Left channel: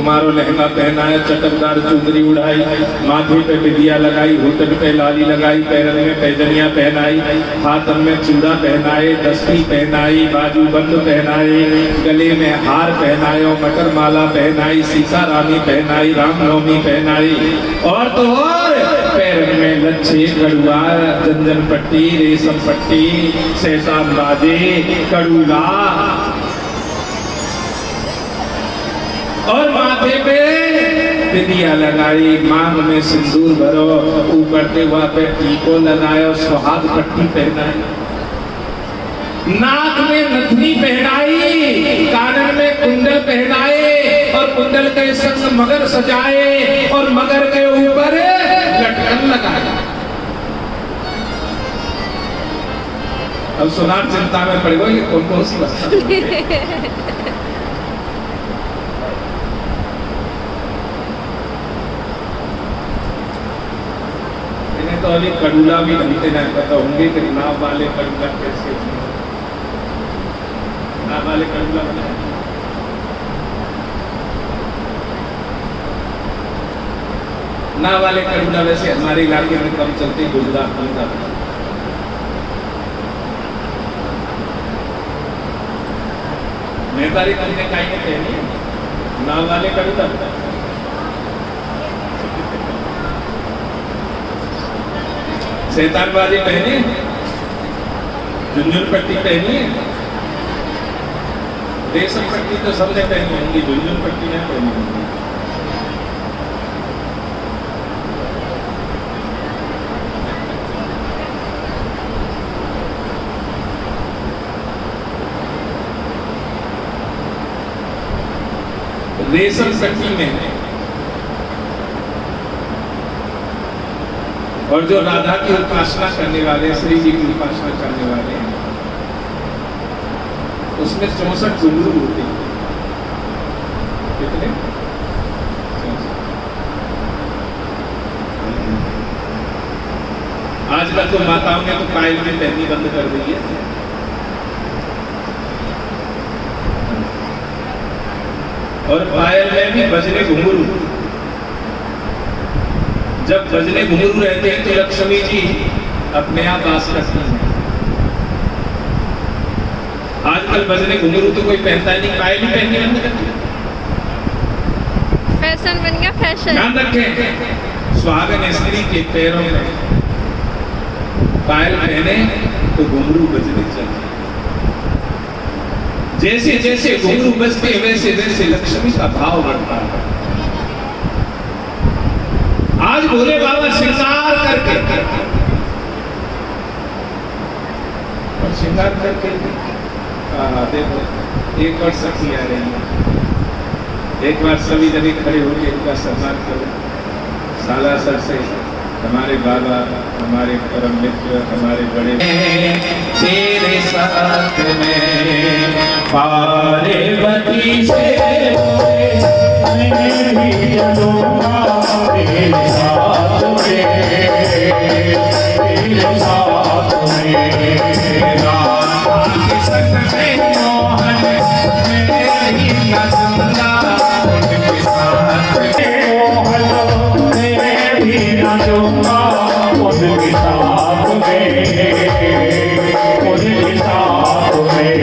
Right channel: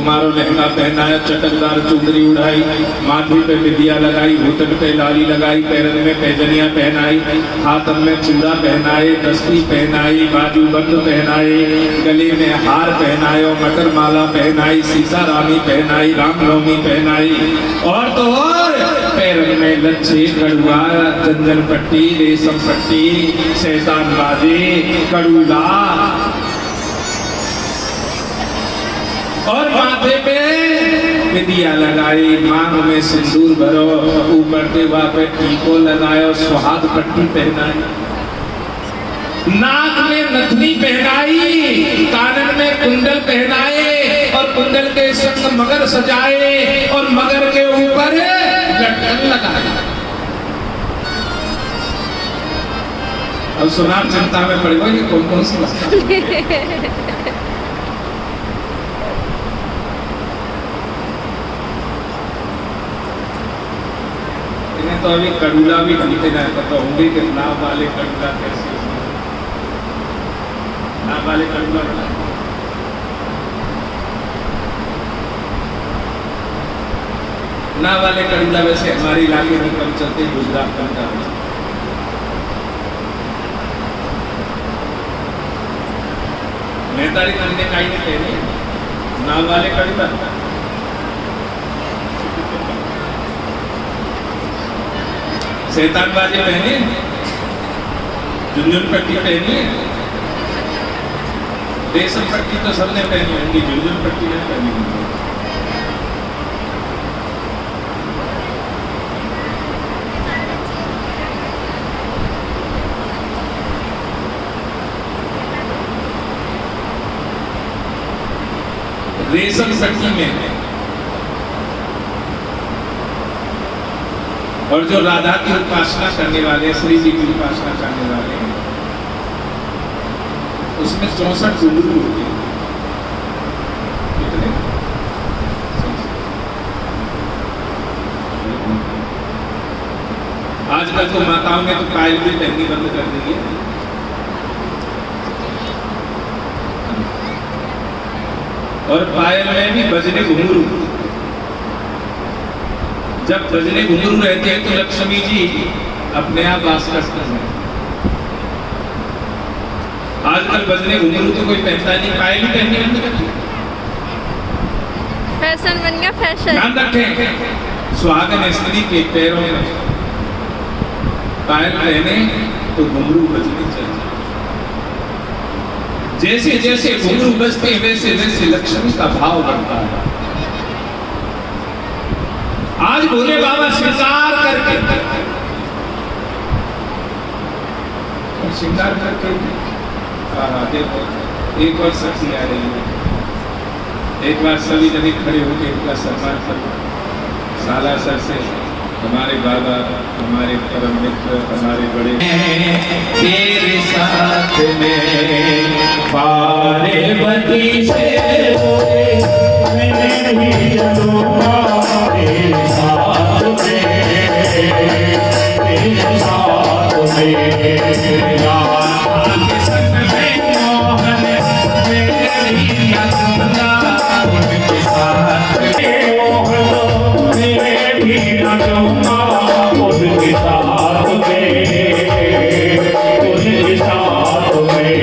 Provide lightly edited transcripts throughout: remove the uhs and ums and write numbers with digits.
कुमारो लहंगा पहनाया, चटकदार चुंदरी उड़ाई, माथे पे बिंदिया लगाई, घुटन पे लाली लगाई, पैरन में पैजनियां पहनाई, हाथन में चूड़ा पहनाए, दस्ती पहनाई, बाजूबंद पहनाए, गले में हार पहनायो, मटर माला पहनाई, सीतारामी पहनाई, रामनवमी पहनाई, और तो और पैरन में लच्छे, कड़ुआ, जंजन पट्टी, रेशम पट्टी, शैतान बाजे, कड़ूला, और माथे पे बिंदिया लगाई, मांग में सिंदूर भरो, ऊपर देवा पे टीको लगायो, सुहाग पट्टी पहनाई, नाक में नथनी पहनाई, कानन में कुंडल पहनाए, और कुंडल के संग मगर सजाए, और मगर के ऊपर लटकन लगाए। अब सुनार चिंता में पड़ गए, ये कौन कौन सी बात तो अभी कड़ूला भी ढंग से नहीं पता होंगे कि नाव वाले कड़ूला कैसे, नाव वाले कड़ूला, नाव वाले कड़ूला वैसे हमारे इलाके में कम चलते हैं, गुजरात कम करते हैं। नेतारी तन ने काई नहीं कहनी है, नाव वाले कड़ूला शैतान बाजे पहने, झुंझुन पट्टी पहनी, रेशम पट्टी तो सबने पहनी होंगी, झुंझुन पट्टी नहीं पहनी होंगी। रेशम पट्टी में, और जो राधा की उपासना करने वाले, श्री जी की उपासना करने वाले हैं, उसमें 64 घुंघरू होते हैं। कितने? आजकल तो माताओं ने तो पायल भी पहननी बंद कर दी है। और पायल में भी बजने घुंघरू, जब बजने घुंघरू रहते हैं तो लक्ष्मी जी अपने आप वास करते हैं। आजकल बजने घुंघरू तो कोई पहनता नहीं, पायल ही पहनने बंद कर दिया, फैशन बन गया फैशन। ध्यान रखें, सुहागन स्त्री के पैरों में पायल पहने तो घुंघरू बजने चाहिए। जैसे जैसे घुंघरू बजते वैसे वैसे लक्ष्मी का भाव बढ़ता है। आज भोले बाबा श्रृंगार करके, और श्रृंगार करके देखो, एक बार सखी आ रही है, एक बार सभी जने खड़े होकर इनका सम्मान करो। साला सर से हमारे बाबा, हमारे परम मित्र, हमारे बड़े, तेरे साथ में पार्वती से मैं भी चलूंगा, तेरे साथ में, तेरे साथ में, राधा के संग में मोहन मेरी नचूंगा, उनके साथ में मोहन मेरी नचूंगा, उनके साथ में, उनके साथ में।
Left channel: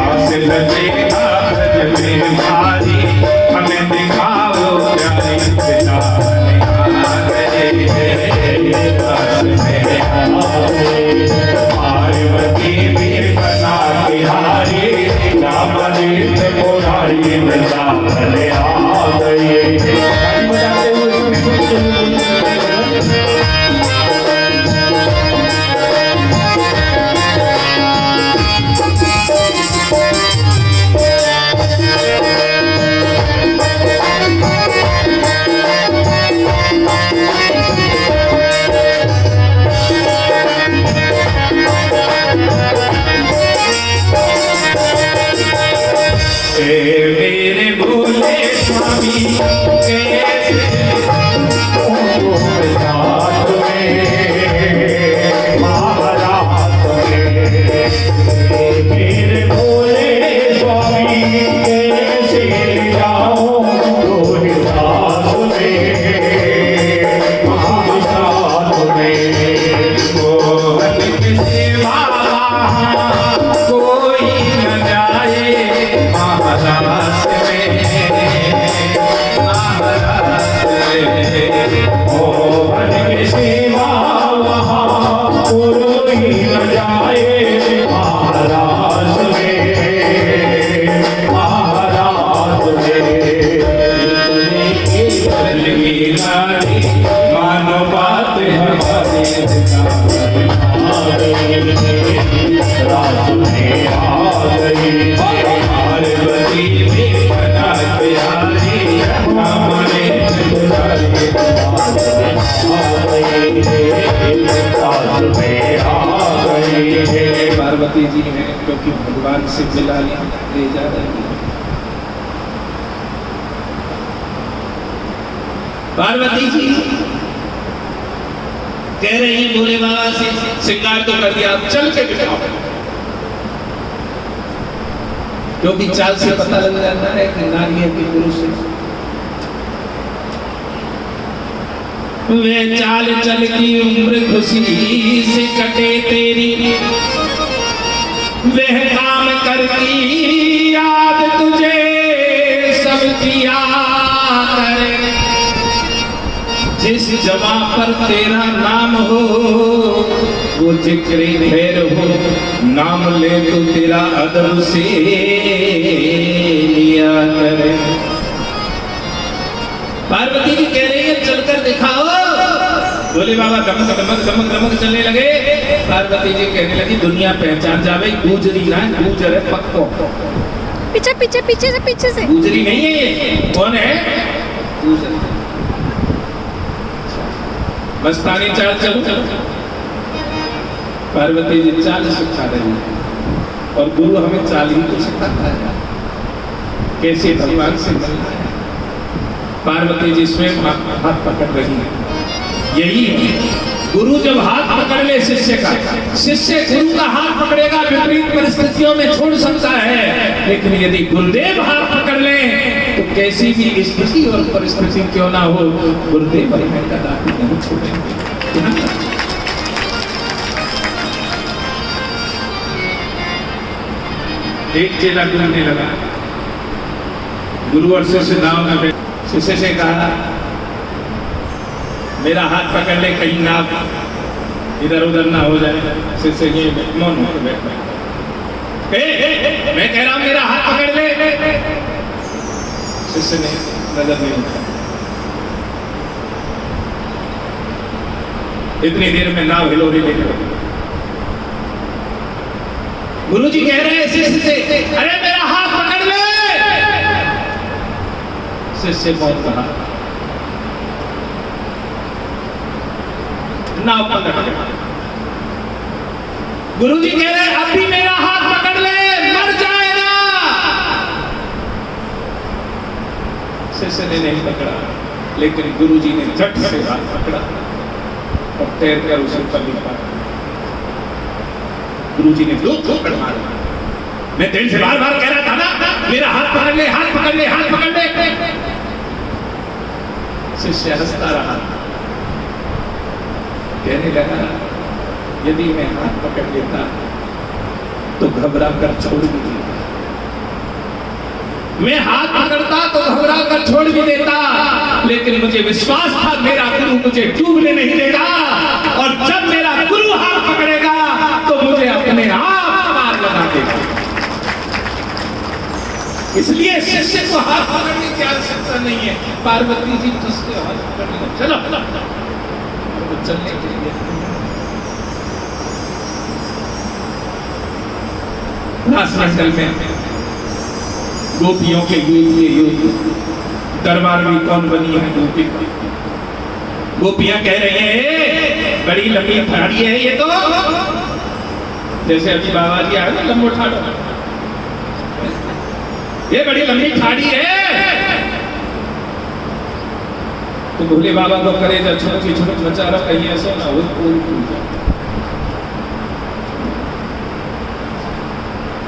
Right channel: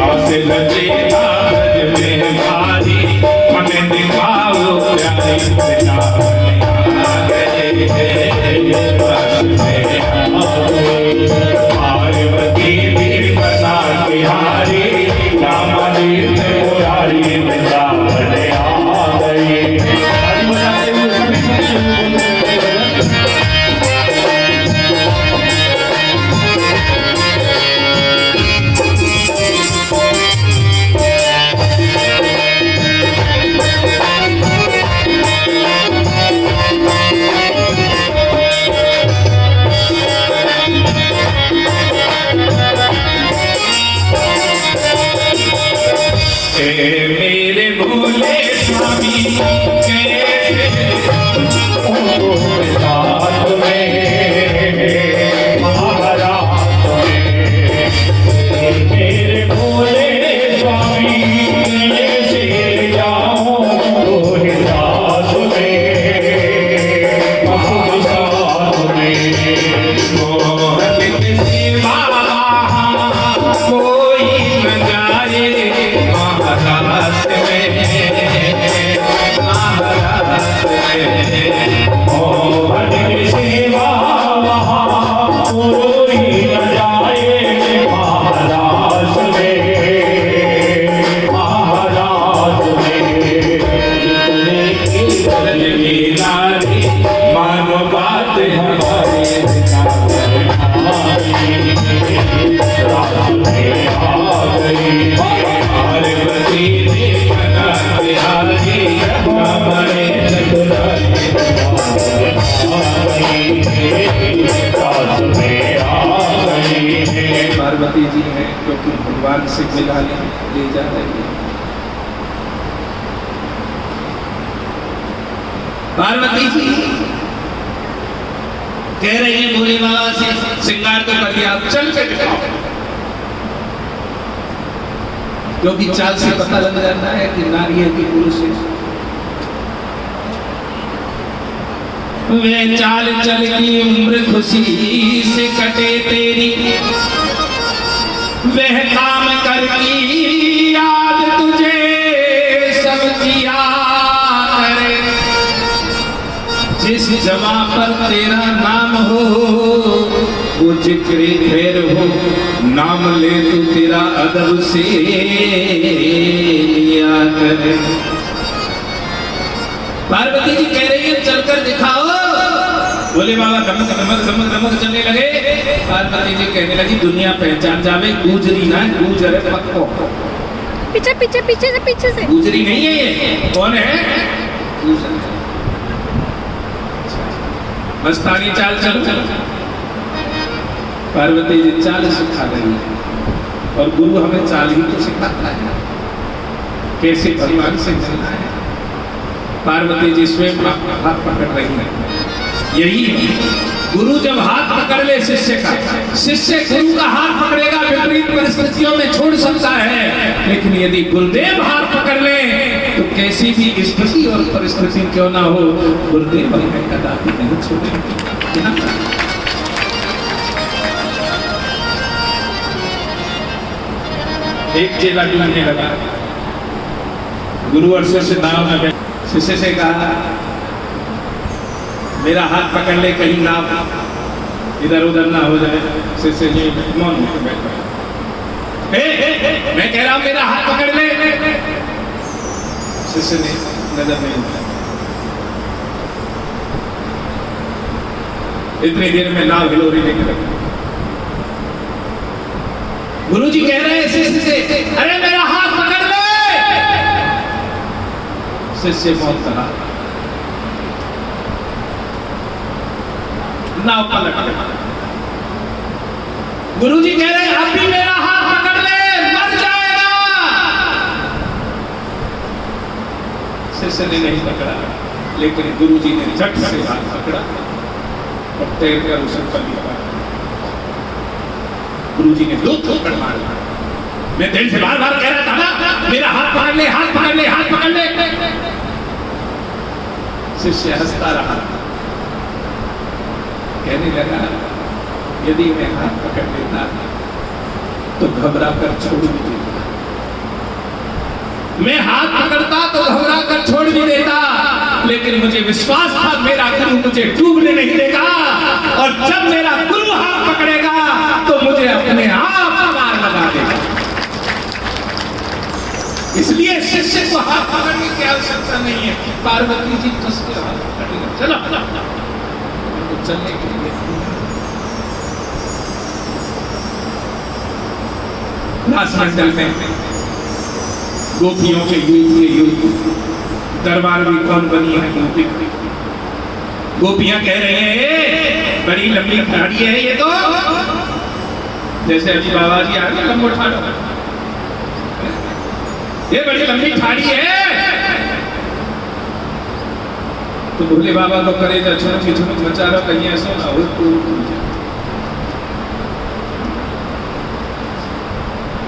आस लगेगा में भारी, हमें दिखाओ प्यारी पार्वती जी हैं, क्योंकि भगवान से मिला ले जा रही है। पार्वती जी कह रही है भोले बाबा से, श्रृंगार तो कर दिया, चल के दिखाओ। क्योंकि चाल से पता लग जाता है कि नारी है कि पुरुष है। वे चाल चलती उम्र खुशी से कटे तेरी, वह काम करती याद तुझे सब किया करे। जिस जवा पर तेरा नाम हो वो जिक्र खैर हो, नाम ले तो तेरा अदब से लिया करे। पार्वती जी कह रही है चलकर दिखाओ। भोले बाबा धमक धमक धमक धमक चलने लगे। पार्वती जी कहने लगी दुनिया पहचान जावे, गुजरी ना गुजर है पक्को। पीछे पीछे पीछे से गुजरी नहीं है ये, कौन है? गुजर। मस्तानी चाल चल। पार्वती जी चाल सिखा रही है, और गुरु हमें चाल ही तो सिखाता है, कैसे भगवान से मिलना है। पार्वती जी स्वयं हाथ पकड़ रही है। यही है गुरु जब हाथ पकड़ ले शिष्य का, शिष्य गुरु का हाथ पकड़ेगा, विपरीत परिस्थितियों में छोड़ सकता है, लेकिन यदि गुरुदेव हाथ पकड़ ले तो कैसी भी स्थिति और परिस्थिति क्यों ना हो, गुरुदेव हमें कदापि नहीं छोड़ेंगे। एक चेला डूबने लगा, गुरु और शिष्य नाव में बैठे। शिष्य से कहा मेरा हाथ पकड़ ले, कहीं नाव इधर उधर ना हो जाए। शिष्य ये मौन होकर बैठ गए। मैं कह रहा हूं मेरा हाथ पकड़ ले। शिष्य ने नजर नहीं उठाया। इतनी देर में नाव हिलोरी लेने लगी। गुरुजी कह रहे हैं शिष्य से, अरे मेरा हाथ पकड़ ले। शिष्य बहुत कहा, नाव पकड़ गया। गुरुजी कह रहे हैं अभी मेरा हाथ पकड़ ले, मर जाएगा। शिष्य ने नहीं पकड़ा, लेकिन गुरुजी ने झट से हाथ पकड़ा और तैर कर उसे ऊपर लिखा। गुरुजी ने दो थप्पड़ मारे। मैं दिल से बार बार कह रहा था ना मेरा हाथ पकड़ ले, हाथ पकड़ ले, हाथ पकड़ ले। शिष्य हंसता रहा, कहने लगा यदि मैं हाथ पकड़ लेता तो घबरा कर छोड़ भी देता। मैं हाथ पकड़ता तो घबरा कर छोड़ भी देता, लेकिन मुझे विश्वास था मेरा गुरु मुझे डूबने नहीं देगा, और जब मेरा गुरु हाथ पकड़ेगा तो मुझे अपने आप पार लगा देगा। इसलिए शिष्य को हाथ पकड़ने की आवश्यकता नहीं है। पार्वती जी कस के हाथ पकड़ेगा, चलो चलने के लिए। रासमंडल में गोपियों के युद्ध, दरबार भी कौन बनी है गोपी। गोपियां कह रही है बड़ी लंबी ठाड़ी है ये तो, जैसे अभी बाबा जी आगे लंबो ठाड़ो, ये बड़ी लंबी ठाड़ी है। तो भोले बाबा को करेगा छुट बचा रहा कहीं ऐसा ना हो।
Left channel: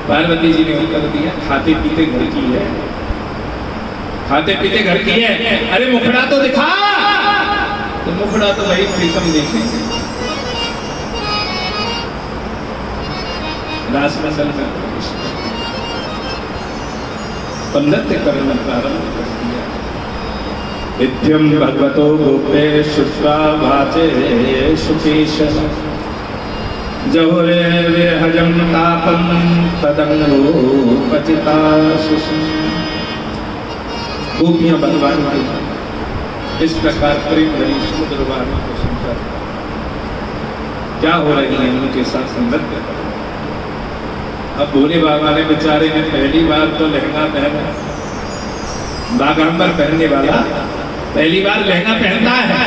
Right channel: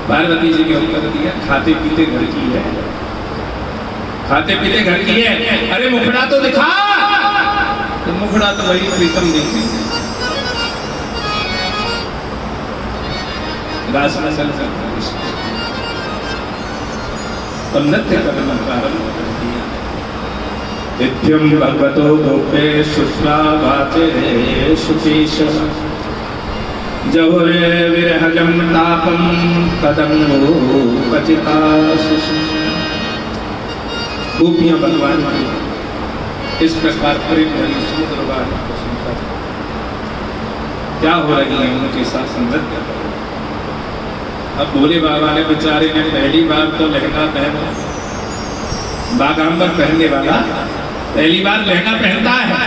पार्वती जी ने उत्तर दिया खाते पीते घर की है, खाते पीते घर की है। अरे मुखड़ा तो दिखा। तो मुखड़ा तो भाई प्रीतम देखेंगे। रासमंडल में तब नृत्य करना प्रारंभ कर दिया। नित्यं भगवतो गोपे शुष्वा भाते सुकेश जहुरे विरहजं तापं तदंगो पतिता सुषि। गोपियां भगवान की इस प्रकार प्रेम भरी समुद्र वाणी को सुनकर क्या हो रही है उनके साथ नृत्य। अब भोले बाबा ने बेचारे ने पहली बार तो लहंगा पहना, बागांबर पहनने वाला पहली बार लहंगा पहनता है।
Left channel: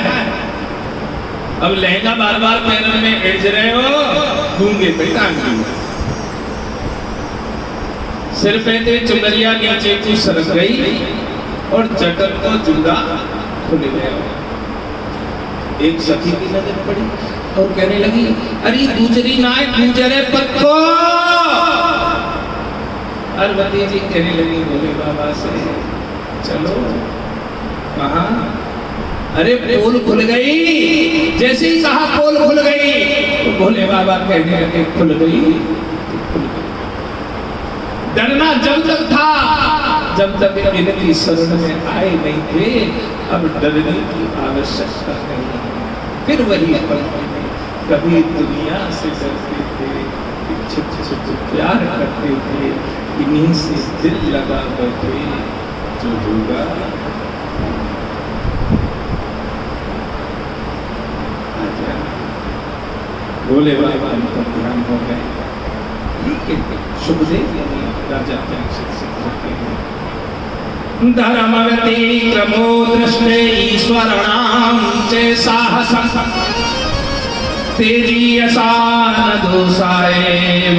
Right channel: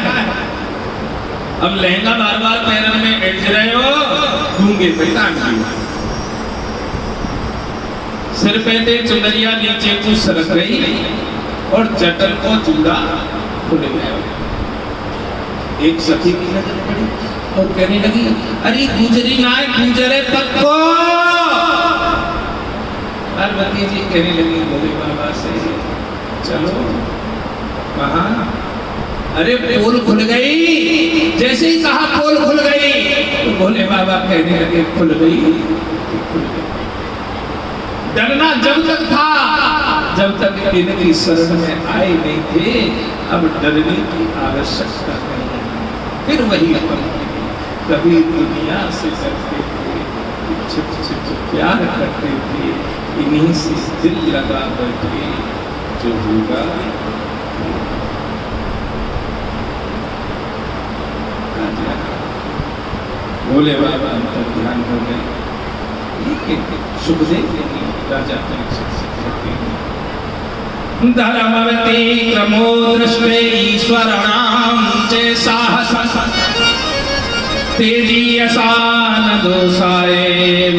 अब लहंगा बार बार पहनने में एज रहे हो, घूंगे पिताजी सिर पे थे चुनरिया नीचे को सरक गई और जटन को जूड़ा खुल गया। एक सखी की नजर पड़ी और कहने लगी, अरे गुजरी ना गुजरे पक्को। पार्वती जी कहने लगी भोले बाबा से, चलो कहाँ? अरे पोल खुल गई। जैसे ही कहा पोल खुल गई तो भोले बाबा कहने लगे, खुल गई, खुल गई। डरना जब तक था जब तक इनकी शरण में आए नहीं थे, अब डरने की आवश्यकता नहीं। फिर वही कभी दुनिया से डरते थे, छिप छिप प्यार करते थे, इन्हीं से दिल लगा बैठे, जो होगा भोले बाबा अंतर ध्यान हो गए। लेकिन सुखदेव राजा धर्मवती क्रमो दृष्टे ईश्वरणाम चे साहसम तेजी असान दोषाए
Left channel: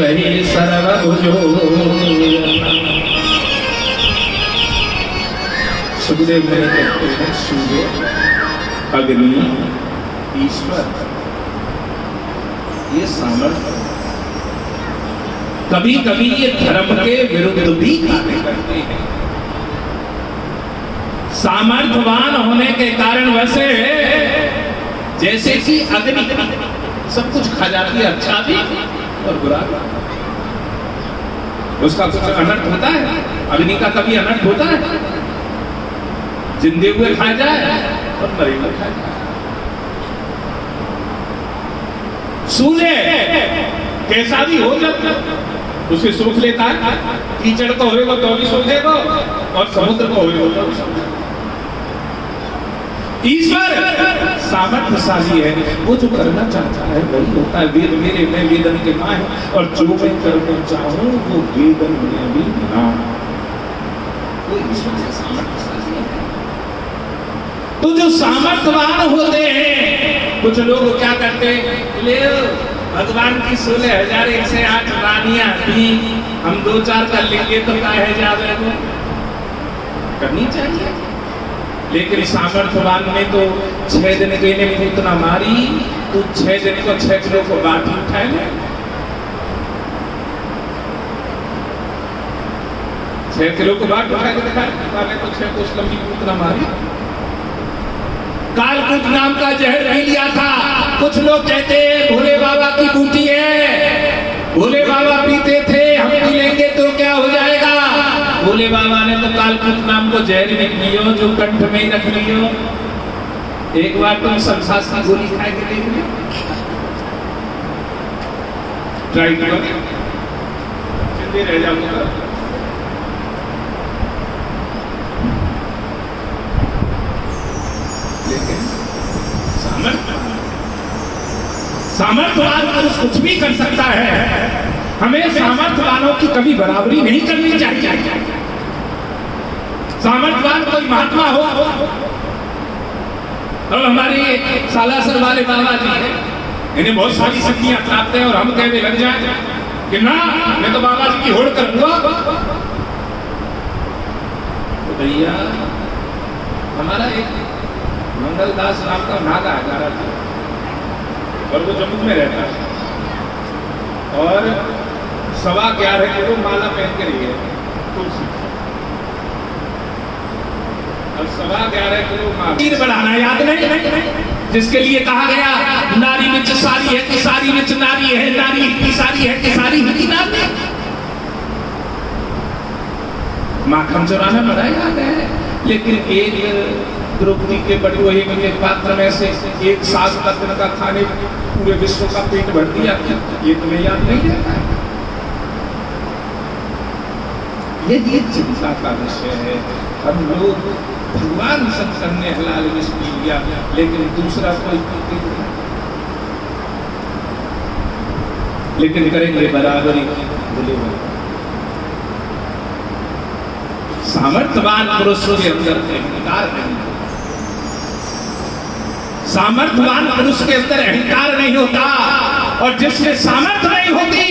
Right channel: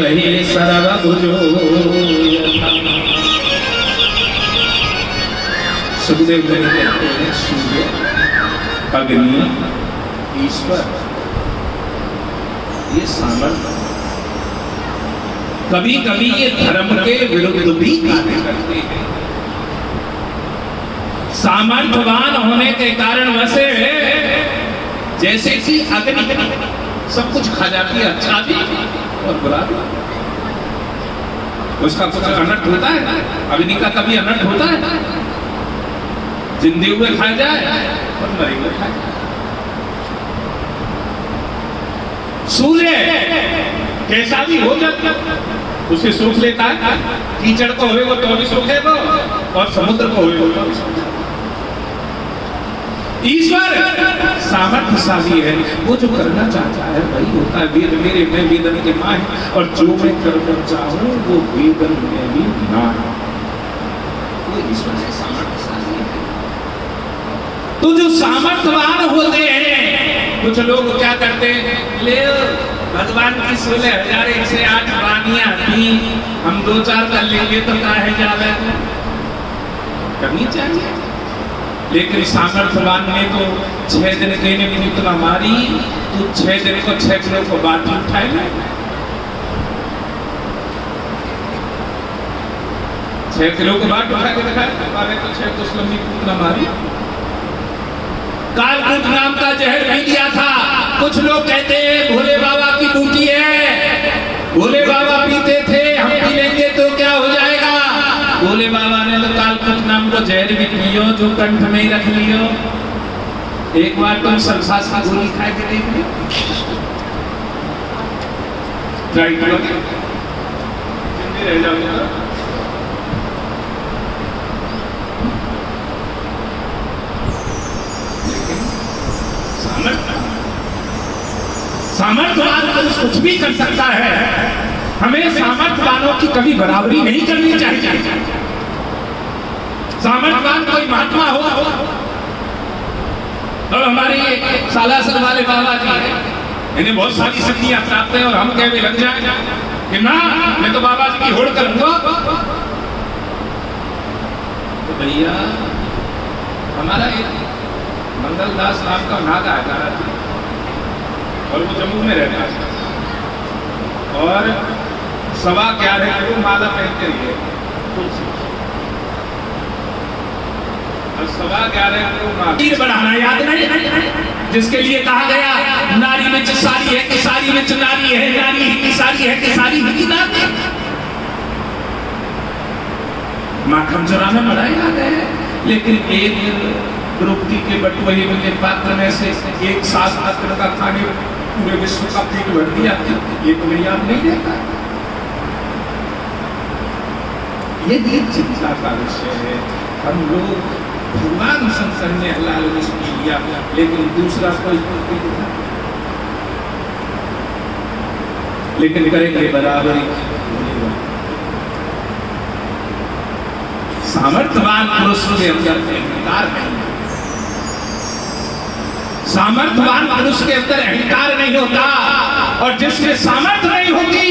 वही सर्वभुजो। सुखदेव ने कहते हैं, सूर्य, अग्नि, ईश्वर, ये सामर्थ्य कभी कभी ये धर्म के विरुद्ध भी कार्य करते हैं। सामर्थ्यवान होने के कारण वैसे जैसे कि अग्नि सब कुछ खा जाती है, अच्छा भी और बुरा भी। उसका कुछ अनर्थ होता है? अग्नि का कभी अनर्थ होता है? जिंदे हुए खा जाए और मरे हुए खा जाए। सूर्य कैसा भी हो जाता उसे सूख लेता है। कीचड़ को होएगा तो भी सूखेगा और समुद्र को होएगा तो भी सूखेगा। ईश्वर सामर्थ्यशाली है, वो जो करना चाहता है वही होता है। वेद मेरे में वेदन के माँ है, और जो मैं करना चाहूं वो वेदन में भी ना है। वो ईश्वर से सामर्थ्यशाली है। तो जो सामर्थ्यवान होते हैं, कुछ लोग क्या करते हैं, ले भगवान की 16,108 रानियां थी, हम 2-4 कर लेंगे तो काहे जावे, करनी चाहिए। लेकिन सामर्थ्यवान ने तो 6 दिन के ने पूतना मारी, तो 6 दिन को 6 किलो को बांट उठाए ले। 6 किलो को बांट उठाए को देखा, तो 6 कुछ लंबी पूतना मारी। कालकूट नाम का जहर पी लिया था। कुछ लोग कहते हैं भोले बाबा की बूटी है, भोले बाबा पीते थे, हम पी लेंगे तो क्या हो जाएगा। भोले बाबा ने तो कालकूट नाम को जहर भी पियो, जो कंठ में ही रख लियो। एक बार तुम सरसास की गोली खा के देख लो, ट्राई करो, चंगे रह जाओगे। सामर्थ्यवान पुरुष कुछ भी कर सकता है। हमें सामर्थ्यवानों की कभी बराबरी नहीं करनी चाहिए। सामर्थ्यवान कोई महात्मा हो, और हमारे सालासर वाले बाबा जी हैं, इन्हें बहुत सारी शक्तियां प्राप्त है, और हम कहने लग जाए कि ना मैं तो बाबा जी की होड़ करूंगा। तो भैया हमारा एक मंगलदास नाम का नागा है, और वो जम्मू में रहता है, और 11.25 किलो माला पहन के रही है, और 11.25 किलो माला बढ़ाना याद नहीं, जिसके लिए कहा गया नारी में सारी है कि सारी में नारी है, नारी की सारी है कि सारी की नारी। माखन चुराना बड़ा याद है, लेकिन एक द्रौपदी के बटुए के पात्र में से एक साथ का खाने पूरे विश्व का पेट भर दिया, ये तुम्हें याद नहीं रहता है। ये चिंता का विषय है। हम लोग भगवान शंकर ने हलाल रिस्क लिया, लेकिन दूसरा कोई नहीं, लेकिन करेंगे बराबरी। सामर्थ्यवान पुरुषों के अंदर अहंकार नहीं है। सामर्थ्यवान पुरुष के अंदर अहंकार नहीं होता, और जिसमें सामर्थ्य नहीं होती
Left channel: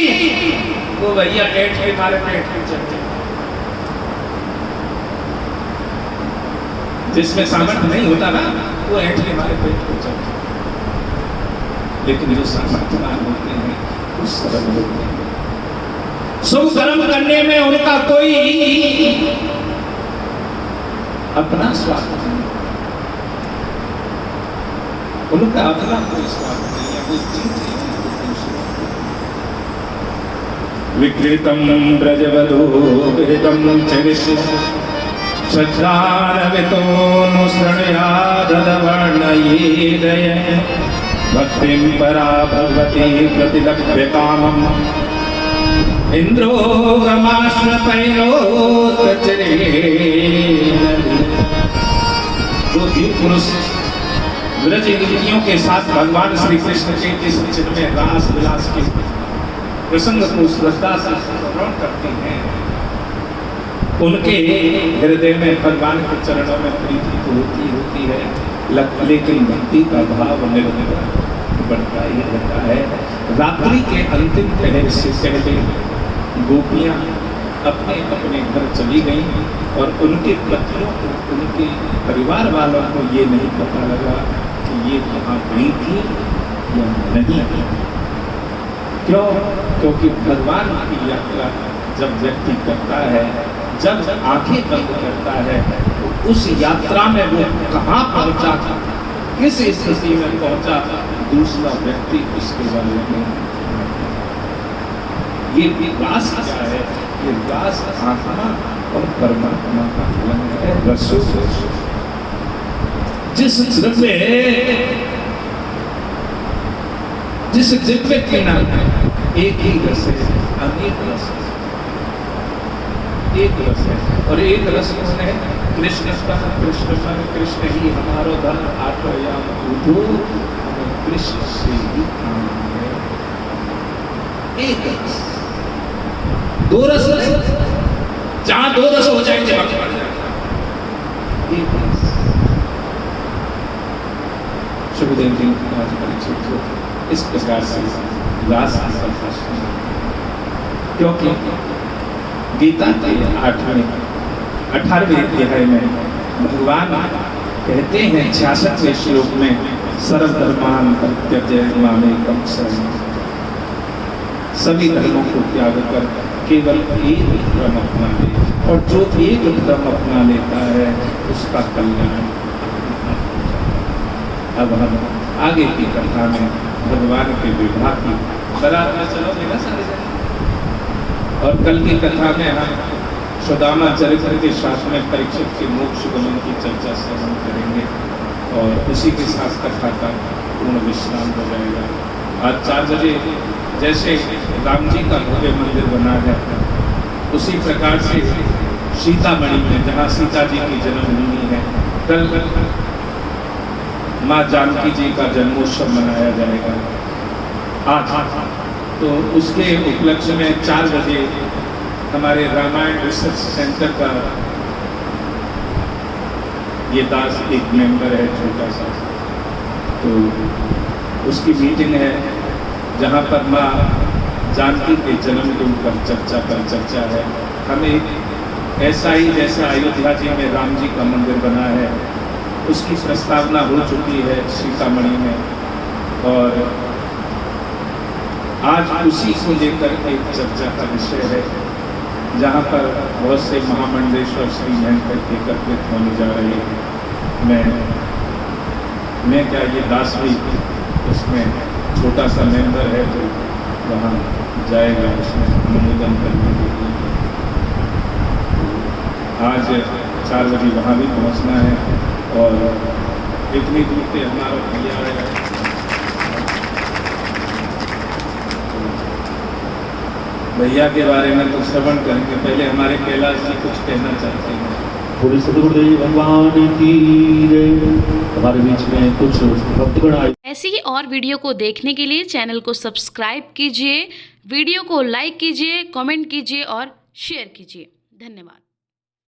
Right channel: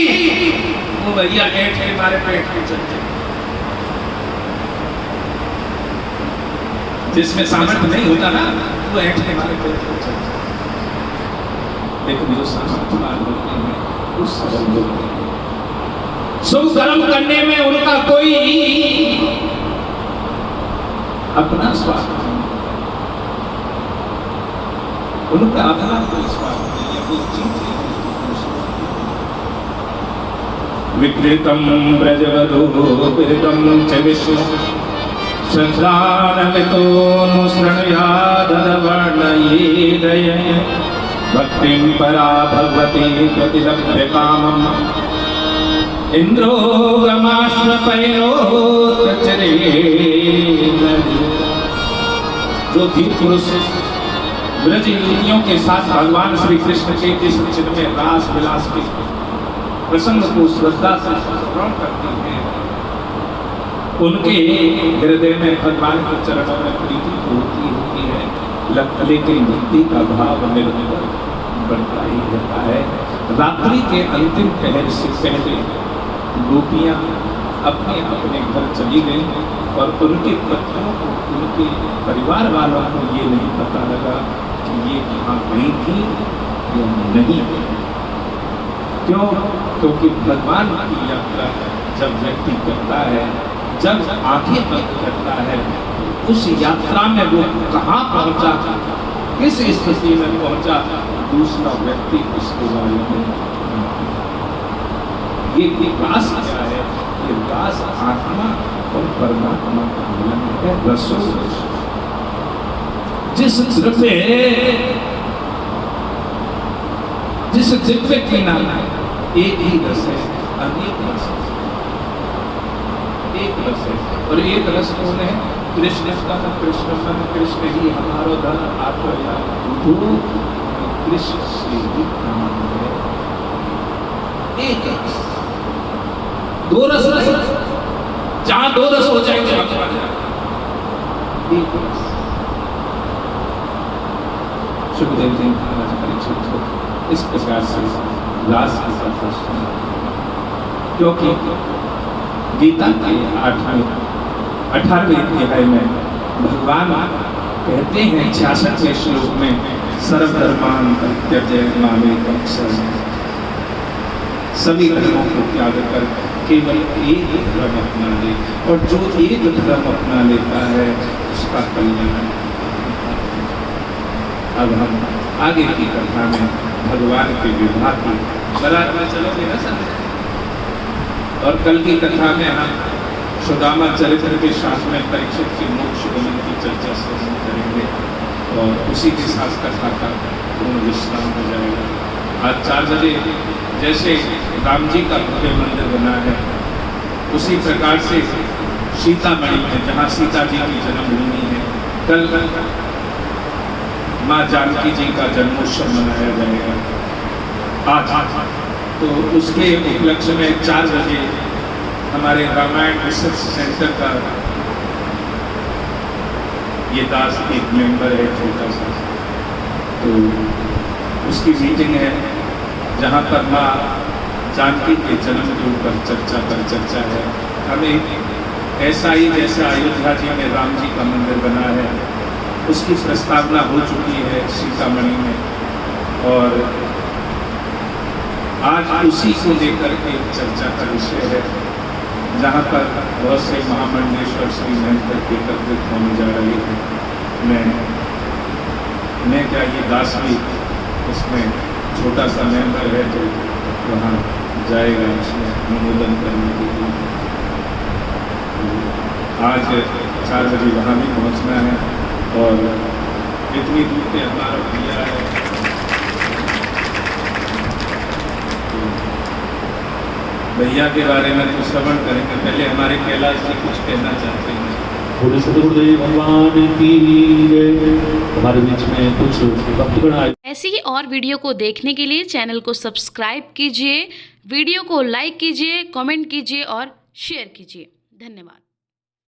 वो भैया ऐठ के मारे पेट के चलते। जिसमें सामर्थ्य नहीं होता ना वो ऐंठने वाले पेट हो जाता है, लेकिन जो सामर्थ्यवान होते हैं उस सरल होते हैं। सुख कर्म करने में उनका कोई अपना स्वार्थ नहीं, उनका अपना कोई स्वार्थ नहीं है, वो विकृतम ब्रजवधो विरतम च विष्णु श्रद्धान्वितोऽनुसृणुयादवर्णयेदय भक्तिं परा भगवती प्रतिलभ्य कामम् इंद्रो गमाश्रपैलोतचरेण। जो वीर पुरुष ब्रज युवतियों के साथ भगवान श्री कृष्ण के जिस चिन्मय रास विलास के प्रसंग को श्रद्धा से श्रवण करते हैं, उनके हृदय में भगवान के चरणों में प्रीति होती है, लेकिन भक्ति का भाव निरंतर बढ़ता ही रहता है। रात्रि के अंतिम पहर से पहले गोपियां अपने अपने घर चली गईं और उनके पत्नियों को, उनके परिवार वालों को ये नहीं पता लगा कि ये कहाँ गई थी या नहीं। क्यों? क्योंकि भगवान की यात्रा जब व्यक्ति करता है, जब आंखें बंद करता है, तो उस यात्रा में वो कहाँ पहुंचा, किस स्थिति में पहुंचा, दूसरा व्यक्ति उसके बारे में। ये विकास क्या है? ये विकास आत्मा और परमात्मा का मिलन है, रसो रस। जिस दिव्य के नाम एक ही रस है, अनेक रस है, एक रस है, और एक रस कौन है? कृष्ण का। कृष्ण मन कृष्ण ही हमारो धन आत्मया बुद्धू, कृष्ण से ही काम है। एक रस, दो रस नहीं, जहां दो रस हो जाएंगे एक रस। सुखदेव जी महाराज परीक्षित को इस प्रकार से रास की कथा सुनी, क्योंकि गीता के 18वें अध्याय में भगवान कहते हैं 66वें श्लोक में, सर्वधर्मान परित्यज्य मामेकं शरणं। सभी धर्मों को त्याग कर केवल एक धर्म अपना ले, और जो एक धर्म अपना लेता है उसका कल्याण। अब हम आगे की कथा में भगवान के विवाह की बारात में चलोगे ना सारे, और कल की कथा में हम सुदामा चरित्र के साथ में परीक्षित के मोक्ष गमन की चर्चा श्रवण करेंगे, और उसी के साथ कथा का पूर्ण विश्राम हो जाएगा। आज 4 बजे जैसे राम जी का भव्य मंदिर बना है, उसी प्रकार से सीतामढ़ी में, जहाँ सीता जी की जन्मभूमि है, कल माँ जानकी जी का जन्मोत्सव मनाया जाएगा आज। तो उसके उपलक्ष्य में 4 बजे हमारे रामायण रिसर्च सेंटर का ये दास एक मेंबर है छोटा सा, तो उसकी मीटिंग है, जहाँ पर माँ जानकी के जन्म के ऊपर चर्चा है। हमें ऐसा ही जैसा अयोध्या जी में राम जी का मंदिर बना है, उसकी प्रस्तावना हो चुकी है सीतामढ़ी में, और आज उसी को लेकर एक चर्चा का विषय है, जहाँ पर बहुत से महामंडलेश्वर श्री एकत्रित होने जा रही है। मैं क्या, ये दास भी उसमें छोटा सा मेंबर है, तो वहाँ जाएगा उसमें अनुमोदन करने के लिए। आज 4 बजे वहाँ भी पहुँचना है, और इतनी दूर से हमारा भैया है, भैया के बारे में तो श्रवण करेंगे। पहले हमारे कैलाश जी कुछ कहना चाहते हैं। बोले सदगुरुदेव भगवान की जय। हमारे बीच में कुछ भक्त बनाए। ऐसी ही और वीडियो को देखने के लिए चैनल को सब्सक्राइब कीजिए, वीडियो को लाइक कीजिए, कमेंट कीजिए और शेयर कीजिए। धन्यवाद।